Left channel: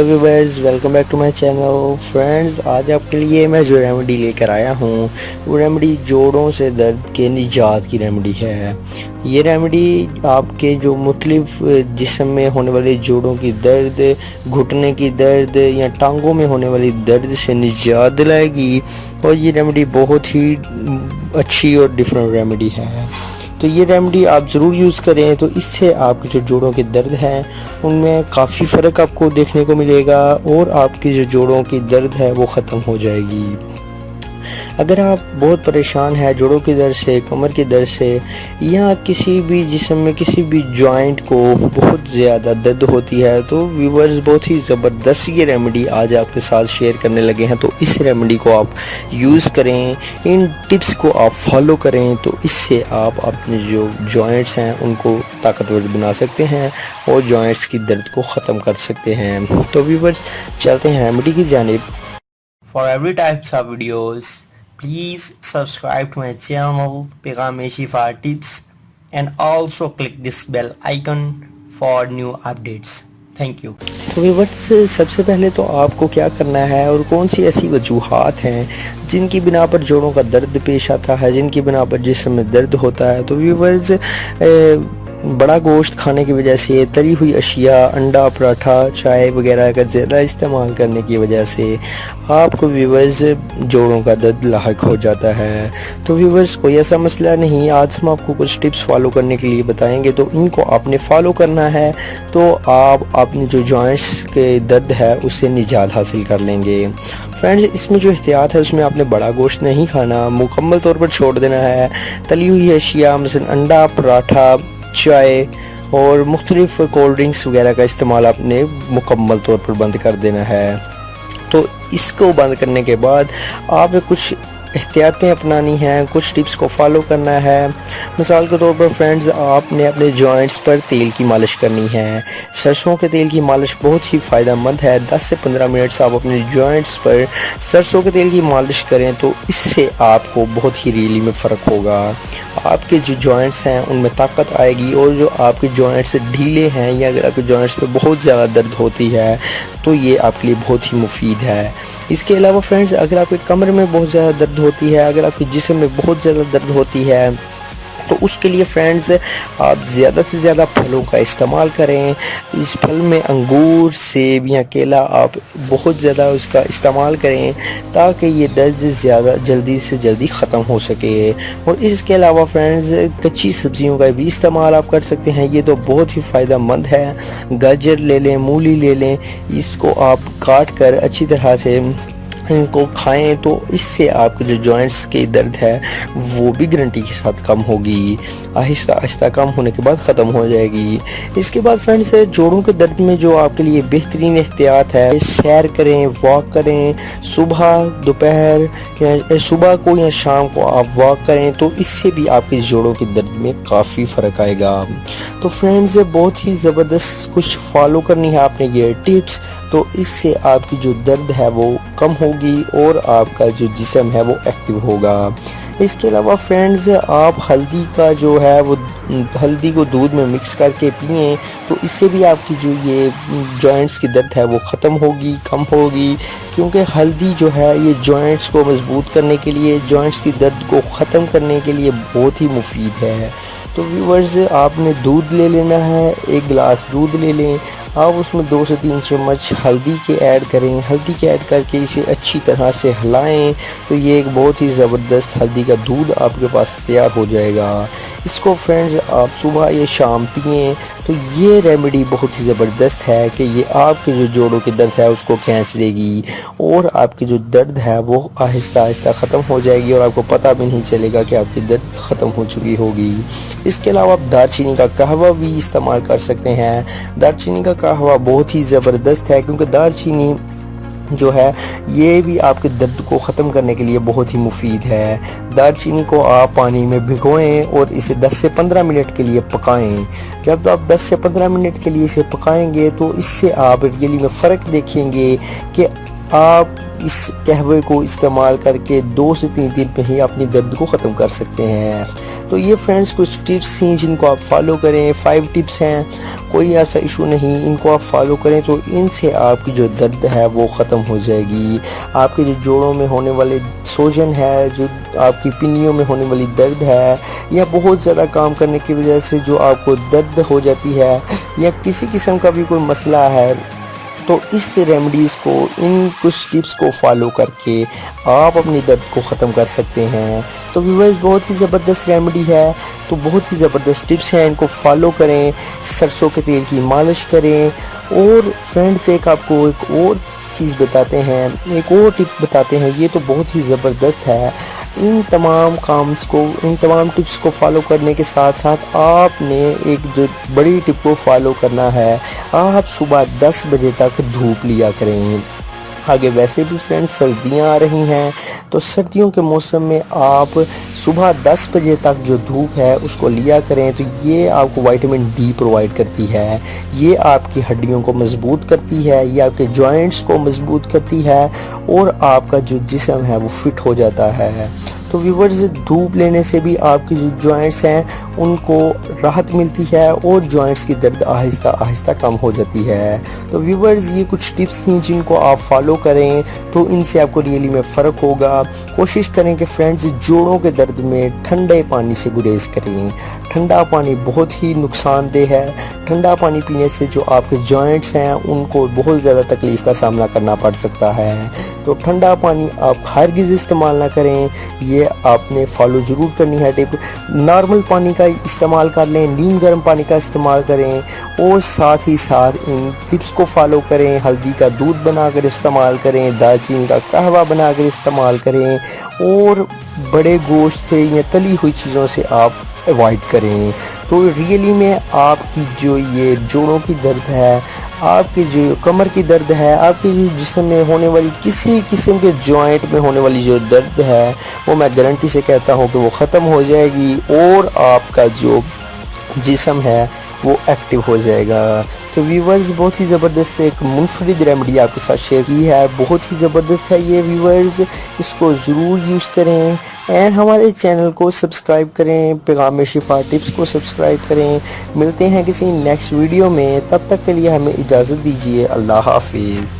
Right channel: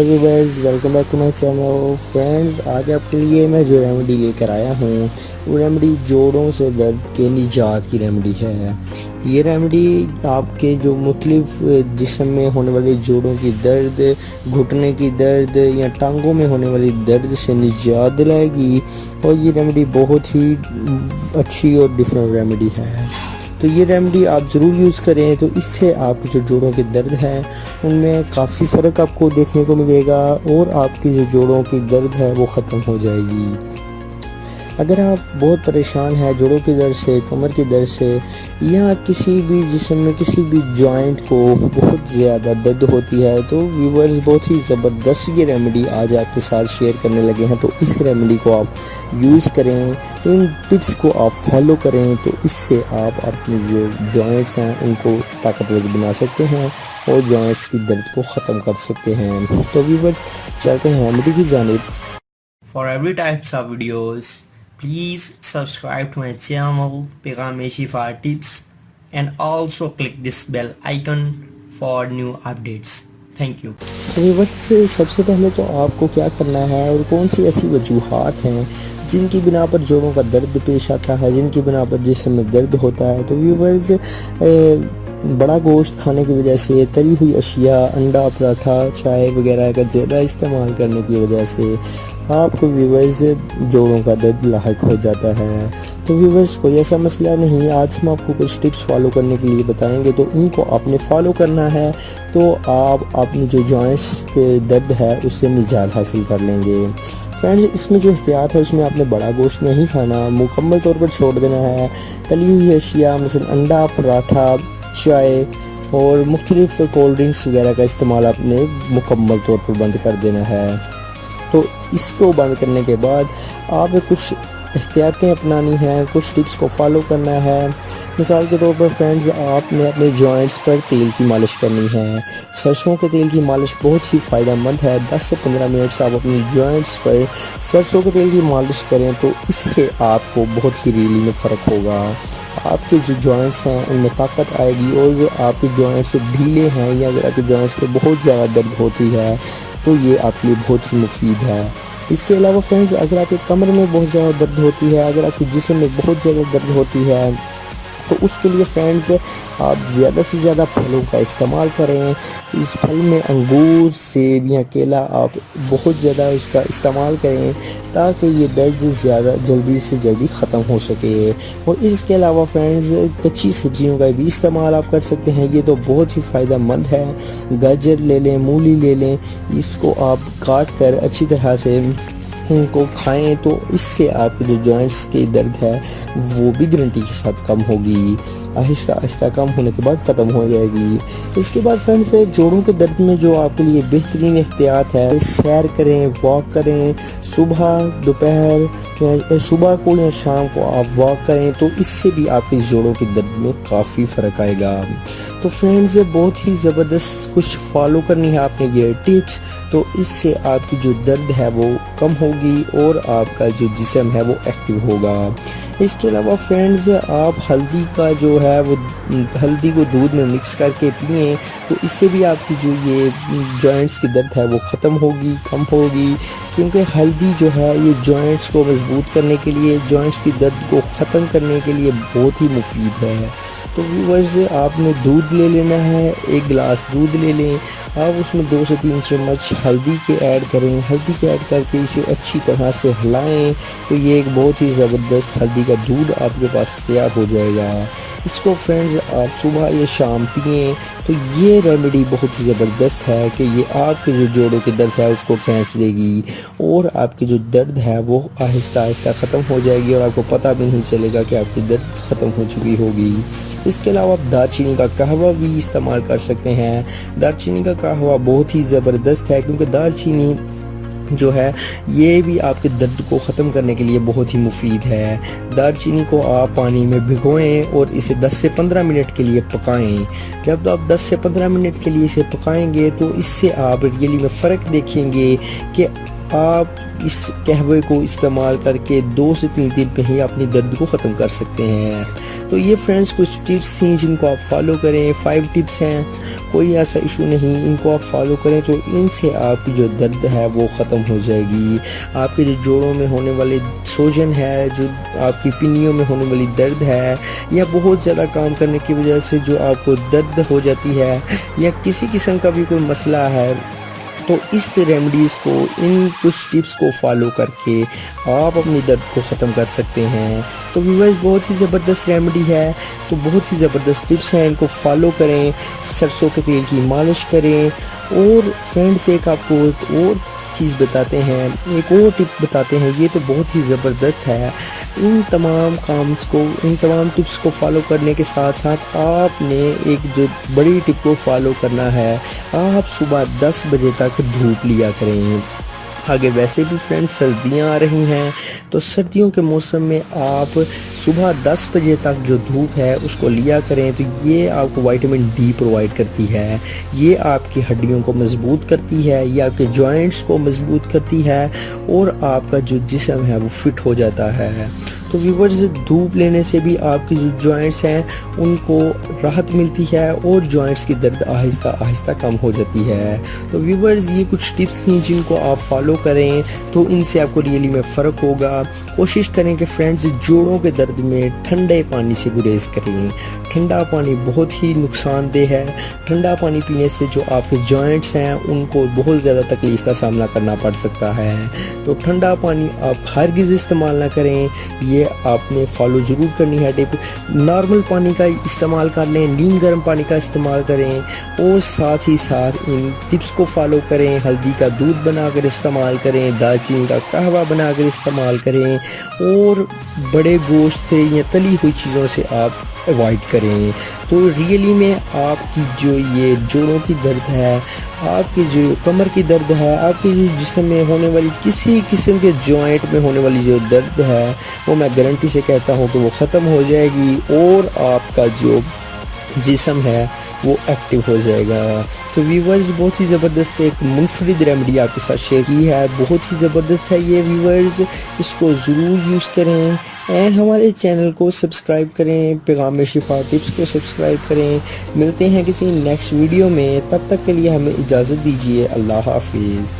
Hello viewers, welcome back to my channel. Friends, आज आपके लिए मैं जो रेमेडी लेकर आया हूँ वो रेमेडी जोड़ों से दर्द के निजात की रेमेडी है। ये रेमेडी आपके जो मुख्तलिफ जिस्म में होने वाले जोड़ों की दर्द, घुटने की दर्द या टांगों में होने वाली दर्द से निजात दिलाएगी और ये रेमेडी बहुत ही अच्छी और डिफरेंट रेमेडी है। तो ये रेमेडी आप ज़रूर यूज़ करें, तो इससे आपके जो जोड़ों के दर्द हैं उनमें काफ़ी फ़र्क आपको देखने को मिलेगा और आपकी जो जोड़ों की दर्द है वो ख़त्म हो जाएगी। अगर आप बहुत परेशान हैं जोड़ों की दर्द से, कमर की दर्द से या किसी भी जिस्म में किसी भी जॉइंट को बहुत ज़्यादा दर्द होती है, तो व्यूअर्स बहुत ही ज़बरदस्त ये रेमेडी आज आपके साथ शेयर करने लगे हैं। तो इस रेमेडी को आप यूज़ करें, इन टिप्स को आप फॉलो करें, तो इससे आप अपने जो जॉइंट्स हैं उनको ताकतवर बना सकते हैं और जॉइंट्स की दर्द को ख़त्म कर सकते हैं। तो व्यूअर्स, चलते हैं रेमेडी की जानिब। For every types of videos, please subscribe to my channel Pegame Shifa Tips and also click this bell icon for new updates. Thank you. तो व्यूअर्स, सबसे पहले तो आपको क्या करना है और कौन सी ऐसी वजूहात हैं जिनकी बिना पर जोड़ों का दर्द पेश आता है, जिनकी बिना पर जिस्म में दर्द होता है। तो व्यूअर्स, बड़ा गोश्त खाने की वजह से, तली हुई अशिया, अंडा, पराठा, चाय वगैरह का ज़्यादा इस्तेमाल करने की वजह से आपको व्यूअर्स जोड़ों का दर्द लाहक हो जाता है। तो व्यूअर्स, कोई ऐसा मसला नहीं, आज हम आपको कुछ टिप्स फॉलो करने के लिए बताएंगे, तो इनको आपने फॉलो करना है तो आप अपने जो जॉइंट्स के दर्द है उससे निजात हासिल कर लेंगे। फ्रेंड्स, इसमें जो एहतियात है उसमें आपने बड़ा गोश्त नहीं खाना, मुकम्मल तौर पर छोड़ देना है। तली हुई अशिया मसलन अंडा, पराठा, चाय और मुख्तलिफ कोल्ड ड्रिंक्स वगैरह का इस्तेमाल आपने मुकम्मल तौर पर बंद कर देना है। तो इसको बंद करने के बाद आप कुछ एहतियातें अपनानी हैं, कुछ टिप्स को फॉलो करना है। मिसाल के तौर पर फ्रेंड्स, आपने अपने जॉइंट्स पर तेल की मालिश करनी है। सरसों के तेल की मालिश बहुत ही फ़ायदेमंद है। 10 से 15 मिनट आप अपने जॉइंट्स पर सरसों के तेल की मालिश करें तो इससे आपको बहुत ही रियली में फ़र्क होगा। आपके जो जॉइंट्स हैं उनमें ताकत आएगी और जो आपके जॉइंट्स ढीले हैं या अगर आपके जॉइंट्स पर बहुत ज़्यादा दर्द होती है तो ये आपके लिए बहुत ही मुफीद है। इसके अलावा फ्रेंड्स, अगर आपके कमर में बहुत ज़्यादा दर्द होती है, अगर आपके जिस्म में बहुत ज़्यादा दर्द होती है, तो उसके लिए फ्रेंड्स आप ज़्यादा से ज़्यादा फलों का इस्तेमाल करें। इस फल में अंगूर, सेब या केला आप बहुत ज़्यादा उसका इस्तेमाल करें ताकि ये दर्द ज़्यादा जल्दी से जल्दी ख़त्म हो सके। और इसके अलावा फ्रेंड्स, कच्ची सब्जियों का भी इस्तेमाल आप कर सकते हैं, ये तो बहुत ही फ़ायदेमंद है। गाजर ले लें, मूली ले लें, इसको आप काट कर अच्छी तरह से इनको खाएं तो इससे आपके जो जॉइंट्स की दर्द है वो भी गारंटी के साथ कम होगी, आहिस्ता आहिस्ता कम होने के बाद ख़त्म हो जाएगी। इसके बाद फ्रेंड्स, जोड़ों के दर्द में जो आपके लिए बेहतरीन एहतियात है, सैर करें, वॉक करें, सुबह, दोपहर या सुबह को या शाम को आप वॉक करें तो इससे भी आपके जोड़ों के दर्द में काफ़ी फ़र्क आएगा। तो फ्रेंड्स, बहुत ही ज़बरदस्त कुछ फॉलो करनी है आपने ये टिप्स, तो इससे आपकी जो दर्द है वो कम होगी और आपका जो जिस्म है वो एक्टिव होगा। इसके अलावा फ्रेंड्स, आप हल्दी का जो है वो हल्दी को दूध में मिक्स करके पिएं तो इससे भी आपकी जो ये जॉइंट्स की दर्द है वो ख़त्म होगी, कम होगी, क्योंकि हल्दी जो है ये जॉइंट्स को मजबूत करने के लिए, जॉइंट्स की दर्द को ख़त्म करने के लिए बहुत ही मुफीद है। तो व्यूअर्स, आपने दूध ले लेना है, 1 गिलास दूध ले लें, आप उसमें 2 से 3 चम्मच हल्दी के ऐड करें। हल्दी के ऐड करके इसे अच्छी तरह से हिलाएं तो ये एक बहुत ही ज़बरदस्त हल्दी का दूध आपके पास तैयार हो जाएगा। इसको फ्रेंड्स आप सुबह या शाम पिएं तो ये रेमेडी बहुत ही ज़बरदस्त है कि ये आपके जो जोड़ों के दर्द है उसको खींच लेगी और आपकी जो दर्द है वो आहिस्ता आहिस्ता ख़त्म हो जाएगी और आपको पता भी नहीं चलेगा कि आपकी दर्द ख़त्म हो चुकी होगी। इसके अलावा आप दालचीनी का कहवा भी इस्तेमाल कर सकते हैं। दालचीनी का कहवा बहुत ही ज़बरदस्त है क्योंकि दालचीनी जो है ये भी आपके दर्द को ख़त्म करने के लिए बहुत ही मुफीद है। दालचीनी को आप पानी में भिगोएं और इसे 10 से 15 मिनट के लिए पकाएं। जब आप 10 से 15 मिनट के लिए इसे पकाएंगे तो इससे आप रियली में फ़र्क देखेंगे कि آپ اس قہوے کو استعمال کر کے 2 سے 3 دن پہ ہی اپنی درد کو ختم کر سکتے ہیں۔ تو یہ فرینڈز کچھ ٹپس ہیں جن کو آپ فالو کریں، 5 ٹپس ہیں، کوئی ایسا ایشو نہیں، ان کو آپ فالو کریں تو ان سے آپ کی جو درد ہے وہ ختم ہو جائے گی۔ آپ کے جو جوڑوں میں ہونے والے سوجن ہے، جو آپ کی پنیوں میں ہونے والی درد ہے، یا بہت زیادہ کام کرنے کی وجہ سے جو آپ کو درد ہو جاتی ہے، یا کسی قسم کا بھی کوئی مسئلہ ہے، تو اس ریمیڈیز کو، ان کچھ ٹپس کو فالو کر کے آپ اپنی درد کو ختم کر سکتے ہیں۔ تو ویورز بہت ہی زبردست ریمیڈی ہے، تو بہت ہی زبردست ٹپس ہیں، ان کو فالو کریں، سرسوں کے تیل کی مالش کریں۔ اور فرینڈز ایک آپ کو ایک اور چیز بتاتے ہیں، ایک اور ٹپ بتاتے ہیں، یہ تو بہت ہی زبردست ہے۔ ان تمام کامز کو، ان تمام ٹپس کو فالو کرنے کے ساتھ ساتھ آپ نے ایک جو بڑی ٹپ کو فالو کرنا ہے، آپ صبح 10 بجے تک دھوپ لیا کریں۔ آگے ویسے بھی فرینڈز سردیاں آ رہی ہیں، تو سردیوں کے موسم میں آپ صبح 10 بجے تک جو دھوپ ہے اس کو لیا کریں، تو یہ آپ کو وائٹامن ڈی پرووائڈ کرتی ہے، یہ آپ کی ہڈیوں کو مضبوط کرتی ہے، یہ آپ کے جوائنٹس کو مضبوط کرتی ہے، اور آپ کا جو جسم ہے وہ فٹ ہو جاتا ہے۔ تو ویورز دھوپ لینے سے بھی آپ کی جو جوائنٹس ہیں ان کو راحت ملتی ہے، اور جوائنٹس کی درد آہستہ آہستہ کم ہو جاتی ہے۔ تو ویورز یہ کچھ ٹپس ہیں جن کو آپ فالو کریں تو ان سے آپ کو ریئلی میں فرق ہوگا۔ کوشش کریں کہ فرینڈز جوڑوں کے درد میں ٹھنڈے پانی سے گریز کریں۔ ٹھنڈا پانی بہت ہی نقصان دہ ہے، ٹھنڈا پانی پینے سے جو آپ کے جوائنٹس ہیں ان کو بہت زیادہ تکلیف کا سامنا کرنا پڑ سکتا ہے۔ تو ٹھنڈا پانی آپ ہرگز استعمال نہ کریں، یہ آپ نے فالو ضرور کرنی ہے ٹپ۔ نارمل پانی کا استعمال کر لیں، نیم گرم پانی کا استعمال کریں، اور ساتھ ہی ساتھ ان ٹپس کو فالو کریں۔ ہلدی کا دودھ بنا کر استعمال کریں، دال چینی کا قہوہ بنا کر استعمال کریں، اور بڑے گوشت سے یا تلی ہوئی چیزوں سے آپ اوائڈ کریں۔ تو ریئلی میں آپ کی جو یہ جوڑوں کی درد ہے، آپ کی جو کمر کی درد ہے، آپ کے جو جسم میں ہونے والی کسی قسم کے جوائنٹ میں ہونے والی جو درد ہے، وہ میں گارنٹی سے کہتا ہوں کہ وہ ختم ہو جائے گی، اور آپ کا جو جسم ہے وہ ایکٹیو ہو جائے گا۔ تو ویورز بہت ہی زبردست ایک منفرد ریمیڈی آپ کے ساتھ شیئر کی ہے، بہت ہی زبردست ہے یہ ویورز، اس کو ضرور یوز کریں، اینڈ ہمارے چینل کو سبسکرائب کریں، پیغام شفا ٹپس کو سبسکرائب کریں۔ ملتے ہیں کسی نیکسٹ ویڈیو میں، تب تک کے لیے ہمیں اجازت دیجیے، اللہ حافظ۔